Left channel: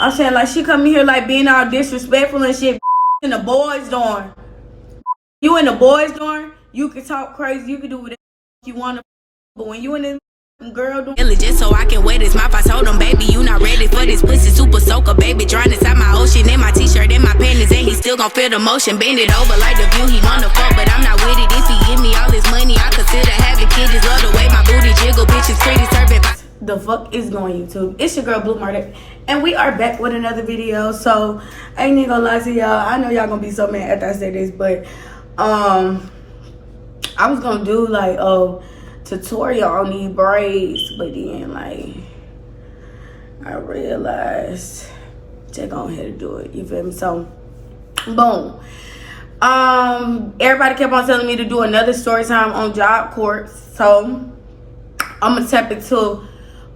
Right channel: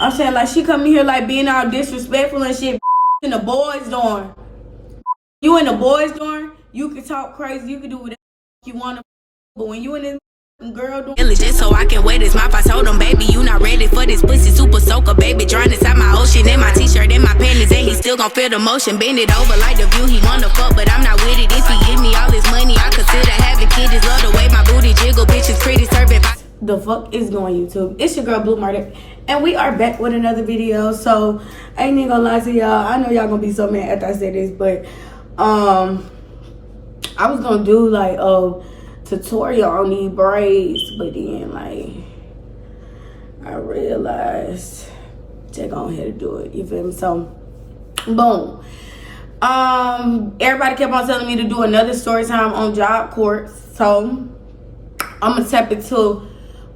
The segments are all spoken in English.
I'm saying, like, she come in here, like, being all disrespectful and shit. In the boys' dorm. You in the boys' dorm, you can talk crazy, you can do whatever you want to. But when you in this girl dorm. Just so I can wear this mouth, I told him, baby, you not ready for this pussy. Super soaker, baby, drying inside my ocean. In my t-shirt, in my panties, and he still gon' feel the motion. Bend it over like the view, he wanna fuck, but I'm not with it. If he give me all his money, I consider having kids. Just love the way my booty jiggle, bitch is pretty serving. The fuck is going YouTube? It's your girl Blue Murder, and we are back with another video. So I ain't even gonna lie to y'all. I know y'all gonna be so mad after I say this, but I was gonna do like a tutorial on these braids, but then like I realized just go ahead and do it. You feel me? So boom. Everybody kept on telling me to do another story time on JobCorps, so I'm gonna tap into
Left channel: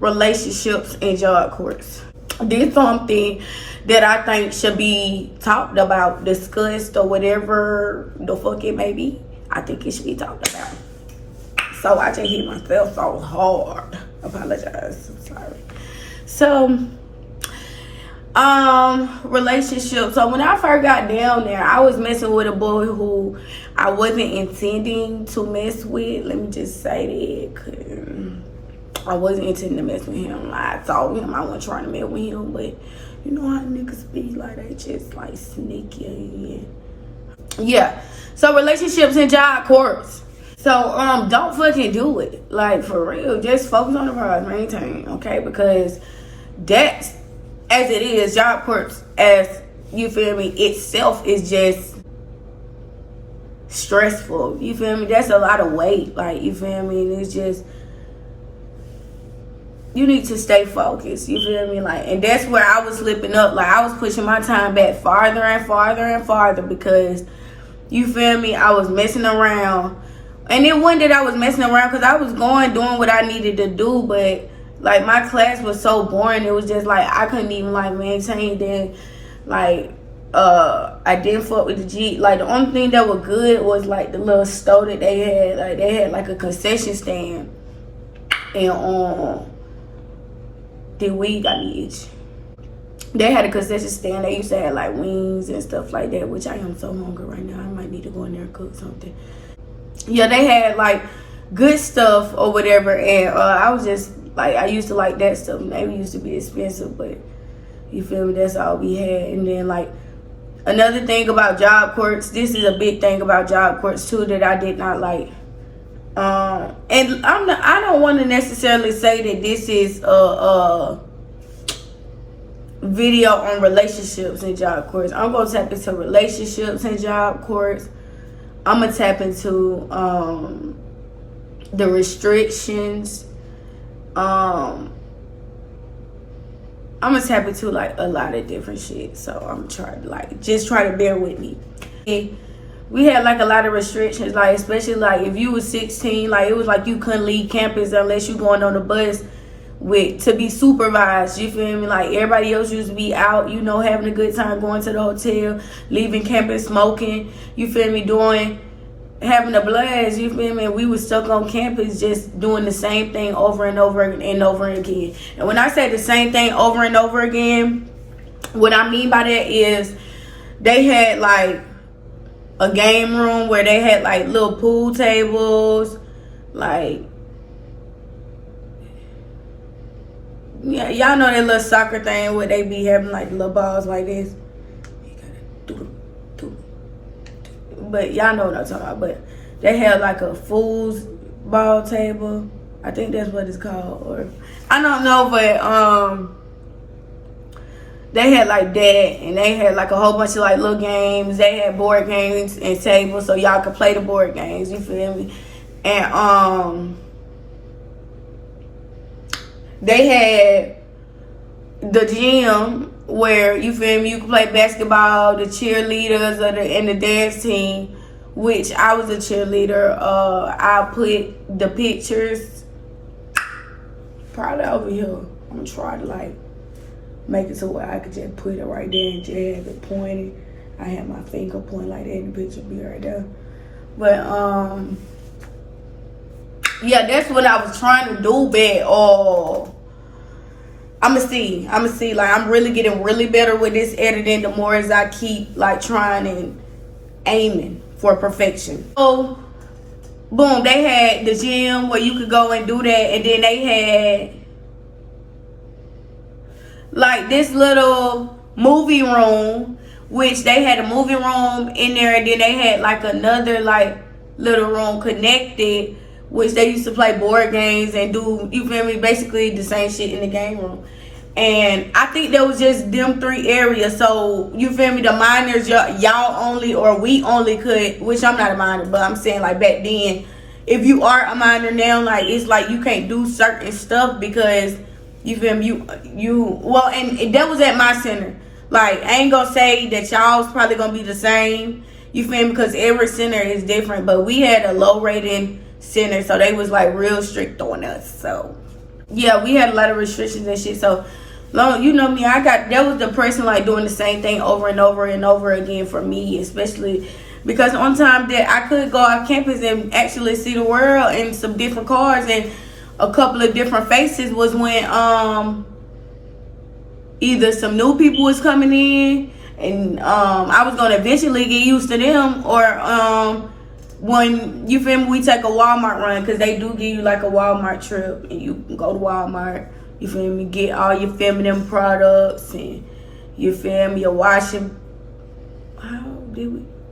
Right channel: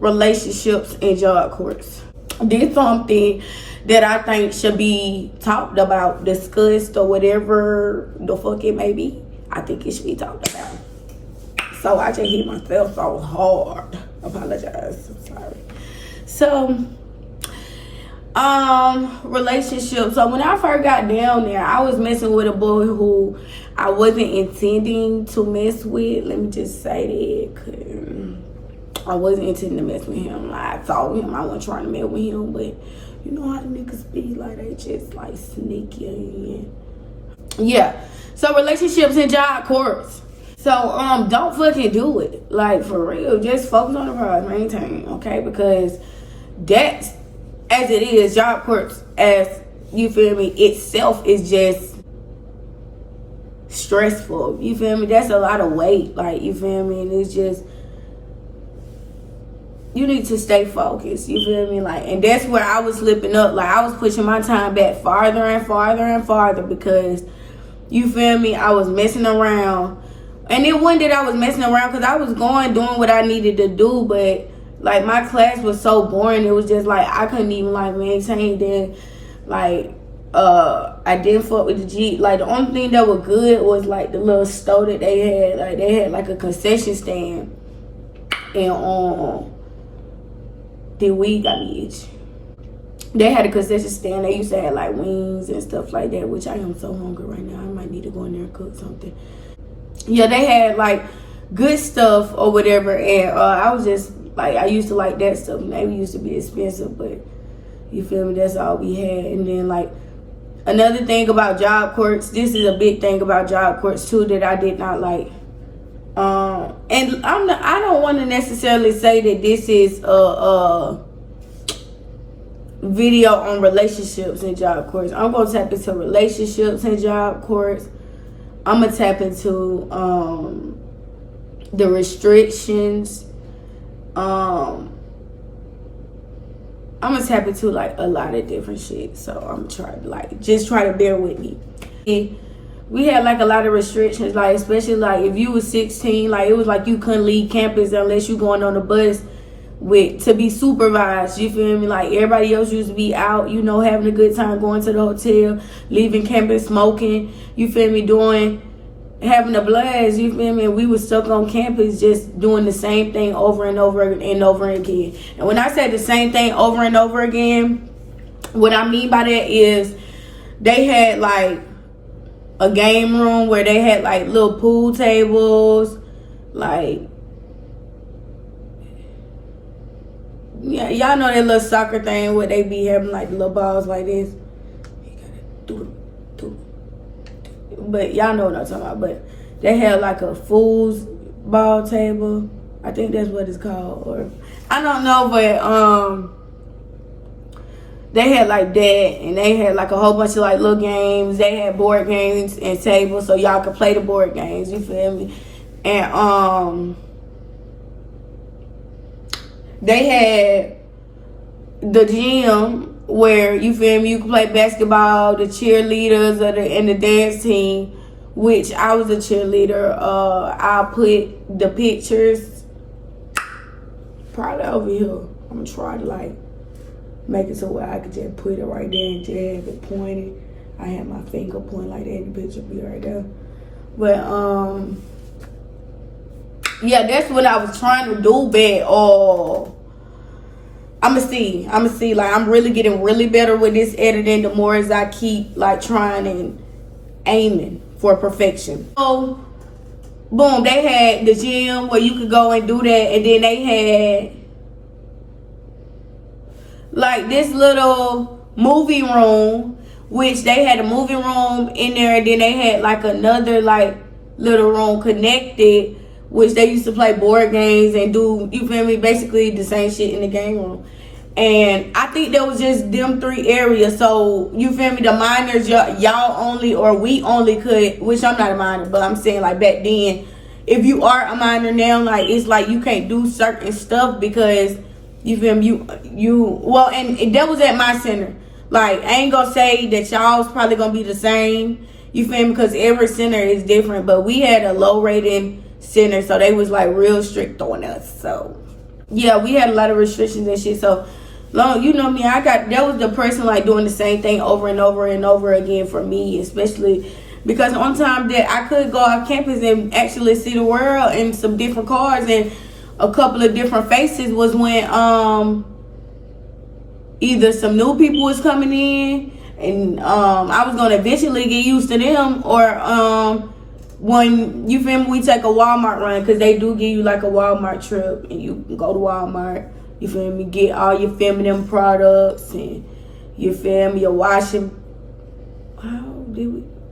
relationships in JobCorps. This is something that I think should be talked about, discussed, or whatever the fuck it may be. I think it should be talked about. So I just hit myself so hard. Apologize. I'm sorry. So, relationships. So when I first got down there, I was messing with a boy who I wasn't intending to mess with. Let me just say that, 'cause I wasn't intending to mess with him. Like, I told him I wasn't trying to mess with him, but you know how niggas be, like, they just like sneaky in. Yeah. So relationships in JobCorps. So don't fucking do it. Like, for real. Just focus on the prize, maintain, okay? Because that's, as it is, JobCorps, as you feel me, itself is just stressful. You feel me? That's a lot of weight. Like, you feel me? And it's just, you need to stay focused. You feel me? Like, and that's where I was slipping up. Like, I was pushing my time back farther and farther and farther because, you feel me, I was messing around. And then one day I was messing around because I was doing what I needed to do, but like my class was so boring. It was just like I couldn't even like maintain that. Like I didn't fuck with the G. Like the only thing that was good was like the little store that they had. Like they had like a concession stand, and the weed got me itch. They had a concession stand. They used to have like wings and stuff like that, which I am so hungry right now. I might need to go in there and cook something. Yeah, they had like good stuff or whatever, and I was just like, I used to like that stuff, and they used to be expensive, but you feel me, that's all we had. And then like another thing about JobCorps, this is a big thing about JobCorps too that I did not like. And I don't want to necessarily say that this is a video on relationships in JobCorps. I'm gonna tap into relationships in JobCorps. I'm gonna tap into the restrictions. I'm gonna tap into like a lot of different shit. So I'm trying to like just try to bear with me. We had like a lot of restrictions, like especially like if you was 16, like it was like you couldn't leave campus unless you going on the bus to be supervised. You feel me? Like everybody else used to be out, you know, having a good time, going to the hotel, leaving campus smoking, you feel me, having a blast, you feel me? We were stuck on campus just doing the same thing over and over and over again. And when I say the same thing over and over again, what I mean by that is they had like a game room where they had like little pool tables, like, yeah, y'all know that little soccer thing where they be having like little balls like this. You gotta do. But y'all know what I'm talking about. But they had like a fool's ball table. I think that's what it's called. Or I don't know, but they had like that, and they had like a whole bunch of like little games. They had board games and tables so y'all could play the board games, you feel me? And they had the gym where, you feel me, you can play basketball, the cheerleaders and the dance team, which I was a cheerleader. I put the pictures probably over here. I'm gonna try to like make it so where I could just put it right there and just have it pointed. I had my finger point like that and the picture be right there. But yeah, that's what I was trying to do, but I'ma see. Like, I'm really getting really better with this editing the more as I keep like trying and aiming for perfection. So boom, they had the gym where you could go and do that, and then they had like this little movie room, which they had a movie room in there, and then they had like another like little room connected, which they used to play board games and do, you feel me, basically the same shit in the game room. And I think that was just them 3 areas. So, you feel me, the minors, y'all only, or we only could, which I'm not a minor, but I'm saying like back then, if you are a minor now, like it's like you can't do certain stuff because, you feel me, well, and that was at my center. Like, I ain't gonna say that y'all's probably gonna be the same, you feel me, because every center is different, but we had a low rating center, so they was like real strict on us. So yeah, we had a lot of restrictions and shit. So long, you know me, that was the person like doing the same thing over and over and over again for me, especially because on time that I could go off campus and actually see the world and some different cars and a couple of different faces was when either some new people was coming in and I was gonna eventually get used to them, or when, you feel me, we take a Walmart run, because they do give you like a Walmart trip, and you can go to Walmart, you feel me, get all your feminine products, and you feel me, your washing,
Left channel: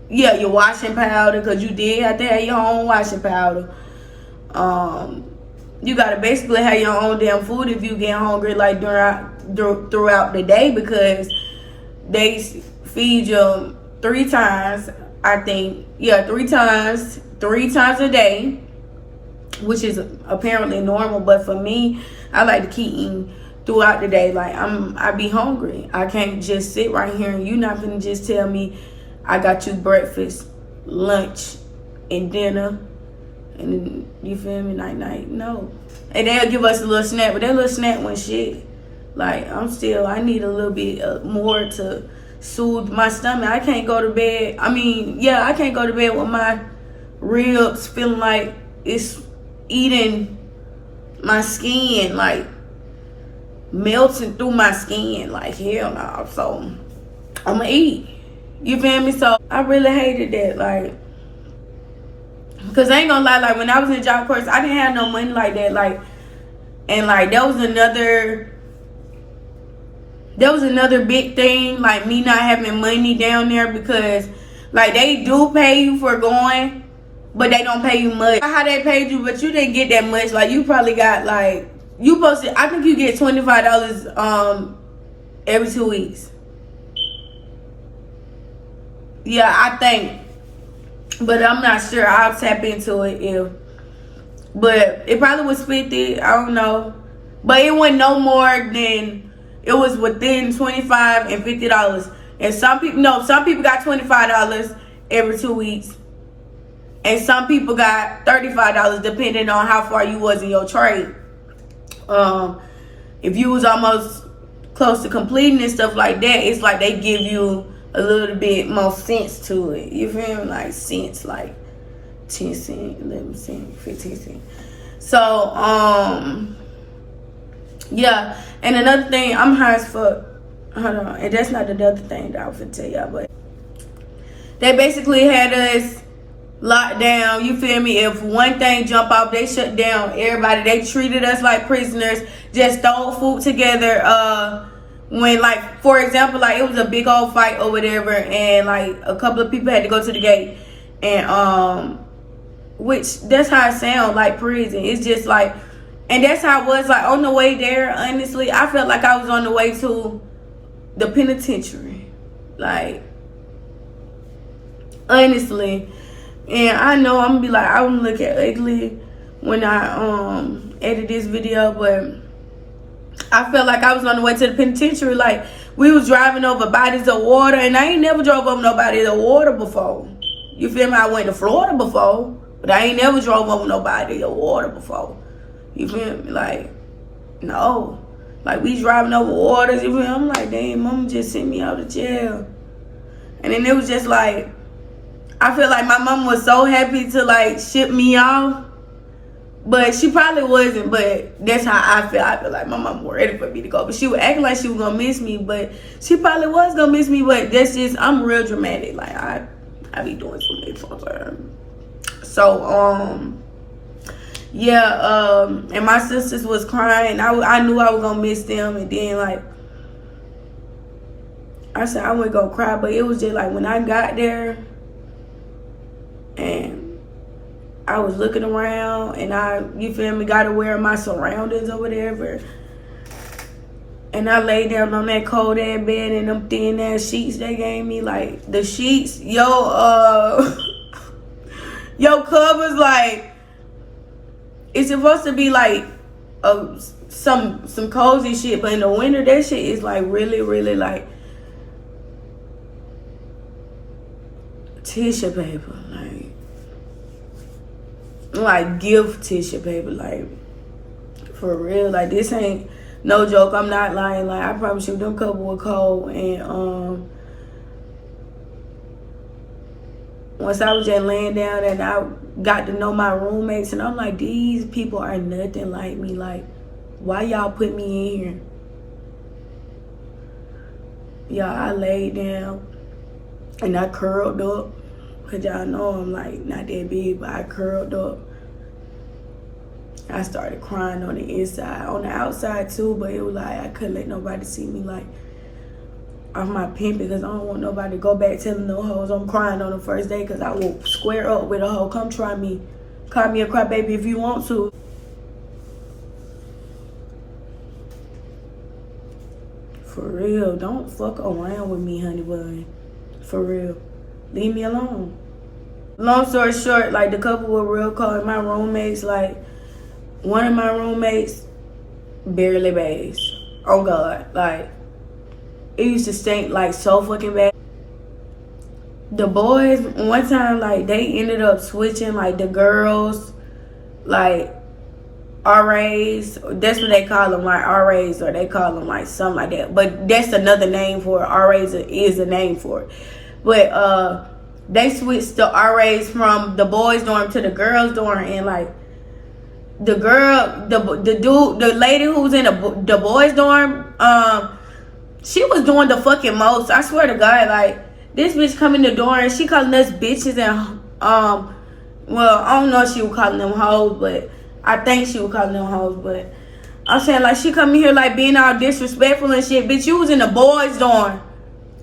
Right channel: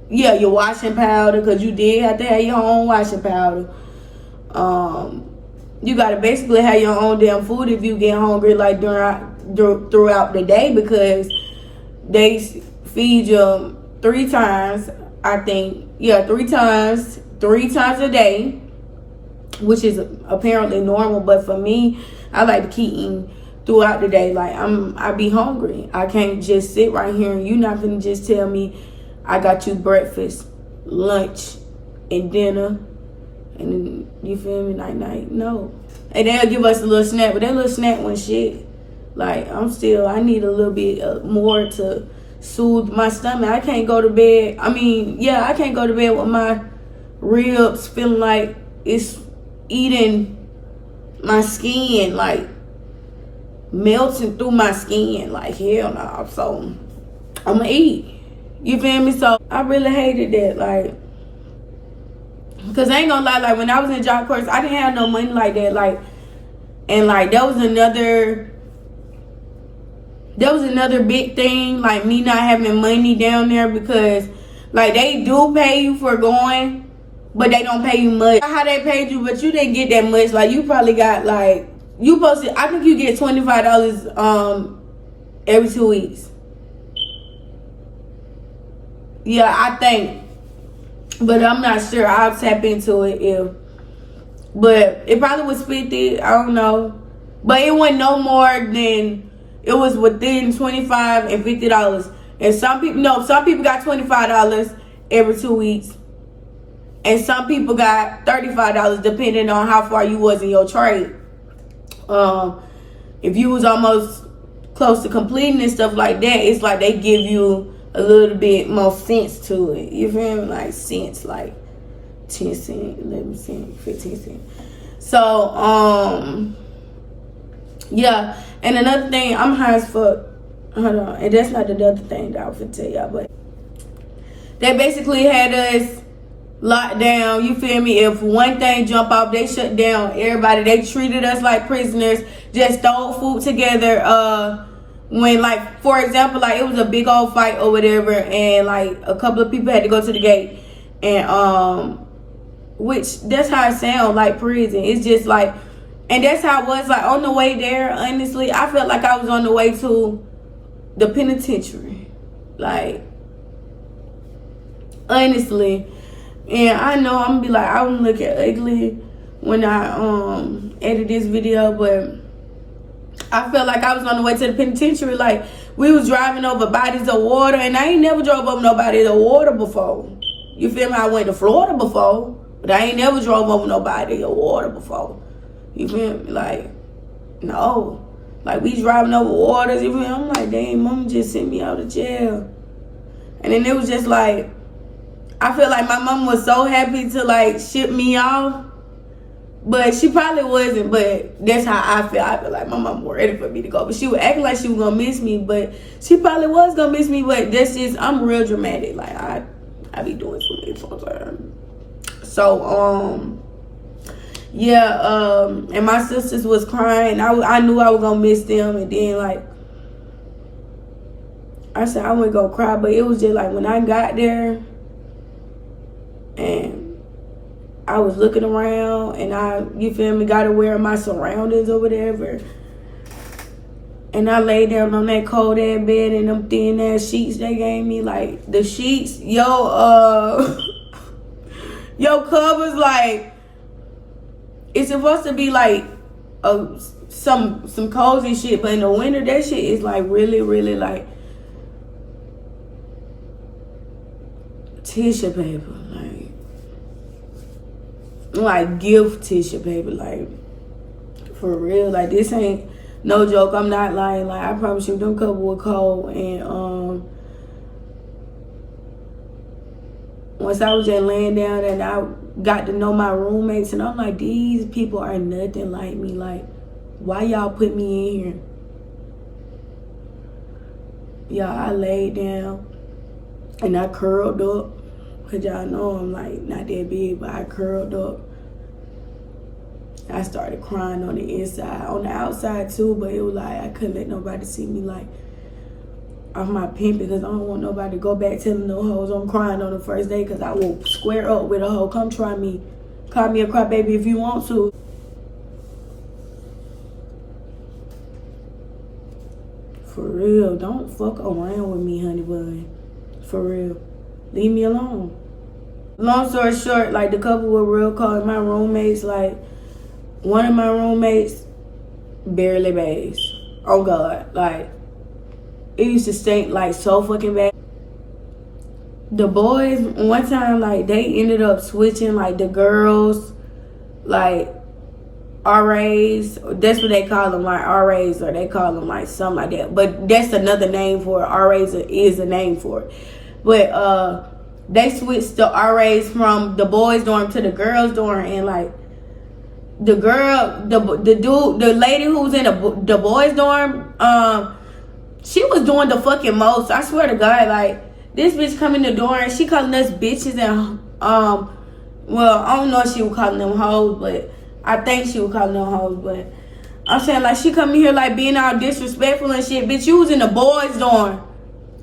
your washing powder, because you did have to have your own washing powder. You gotta basically have your own damn food if you get hungry like throughout the day, because they feed you 3 times, I think. Yeah, 3 times a day, which is apparently normal. But for me, I like to keep eating throughout the day. Like, I be hungry. I can't just sit right here and you're not gonna just tell me I got you breakfast, lunch, and dinner, and then, you feel me, night. No. And they'll give us a little snack, but that little snack wasn't shit. Like, I need a little bit more to soothe my stomach. I can't go to bed. I can't go to bed with my ribs feeling like it's eating my skin, like melting through my skin. Like, hell no. So I'ma eat. You feel me? So I really hated that, like, because I ain't gonna lie, like when I was in JobCorps, I didn't have no money like that, like, and like that was another big thing, like me not having money down there, because like they do pay you for going, but they don't pay you much. How they paid you, but you didn't get that much. Like, you probably got like, I think you get $25 every 2 weeks. Yeah, I think, but I'm not sure. I'll tap into it but it probably was 50. I don't know, but it wasn't no more than. It was within $25 and $50. And some people got $25 every 2 weeks. And some people got $35 depending on how far you was in your trade. If you was almost close to completing and stuff like that, it's like they give you a little bit more sense to it. You feel me? Like cents, like 10 cents, 11 cents, 15 cents. So, yeah. And another thing, I'm high as fuck. Hold on. And that's not the other thing that I was gonna tell y'all, but they basically had us locked down. You feel me? If one thing jump off, they shut down everybody. They treated us like prisoners, just throw food together. When, like, for example, like, it was a big old fight or whatever, and like a couple of people had to go to the gate, and which that's how it sounds, like prison. It's just like, and that's how it was, like, on the way there. Honestly, I felt like I was on the way to the penitentiary, like, honestly. And I know I'm gonna be like, I'm gonna look at ugly when I edit this video, but I felt like I was on the way to the penitentiary. Like, we was driving over bodies of water, and I ain't never drove over no bodies of water before. You feel me? I went to Florida before, but I ain't never drove over no body of water before. You feel me? Like, no. Like, we driving over waters. You feel me? I'm like, damn, mama just sent me out of jail. And then it was just like, I feel like my mom was so happy to like ship me off, But she probably wasn't, but that's how I feel. I feel like my mom was ready for me to go. But she was acting like she was gonna miss me, but she probably was gonna miss me, but that's just, I'm real dramatic. Like, I be doing too many sometimes. So, yeah, and my sisters was crying. I knew I was gonna miss them, and then, like, I said I wasn't gonna cry, but it was just like when I got there, and I was looking around, and you feel me, got aware of my surroundings or whatever. And I laid down on that cold ass bed and them thin ass sheets they gave me. Like, the sheets, your covers, like, it's supposed to be like some cozy shit, but in the winter that shit is like really, really like tissue paper, like gift tissue paper, like for real. Like, this ain't no joke. I'm not lying. Like, I promise you, them couple were cold. And once I was just laying down and I got to know my roommates, and I'm like, these people are nothing like me. Like, why y'all put me in here? Y'all, I laid down and I curled up. Cause y'all know I'm like not that big, but I curled up. I started crying on the inside, on the outside too, but it was like I couldn't let nobody see me like off my pimp, because I don't want nobody to go back telling no hoes I'm crying on the first day, because I will square up with a hoe. Come try me. Call me a crybaby if you want to. For real, don't fuck around with me, honey bun. For real. Leave me alone. Long story short, like, the couple were real cold. My roommates, like, one of my roommates barely bathes. Oh God, like, it used to stink like so fucking bad. The boys, one time, like, they ended up switching, like, the girls, like, RAs, that's what they call them, like RAs, or they call them like something like that. But that's another name for it. RAs is a name for it. But they switched the RAs from the boys' dorm to the girls' dorm, and like the lady who was in the boys' dorm, she was doing the fucking most. I swear to God, like, this bitch come in the door and she calling us bitches, and well, I don't know if she was calling them hoes, but I think she was calling them hoes. But I'm saying, like, she come in here like being all disrespectful and shit. Bitch, you was in the boys' dorm.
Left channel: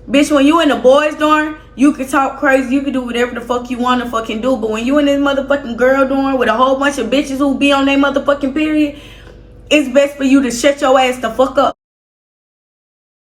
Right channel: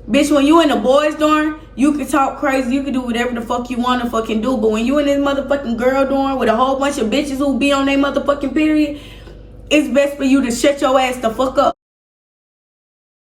Bitch, when you in the boys' dorm, you can talk crazy, you can do whatever the fuck you want to fucking do. But when you in this motherfucking girl dorm with a whole bunch of bitches who be on their motherfucking period, it's best for you to shut your ass the fuck up.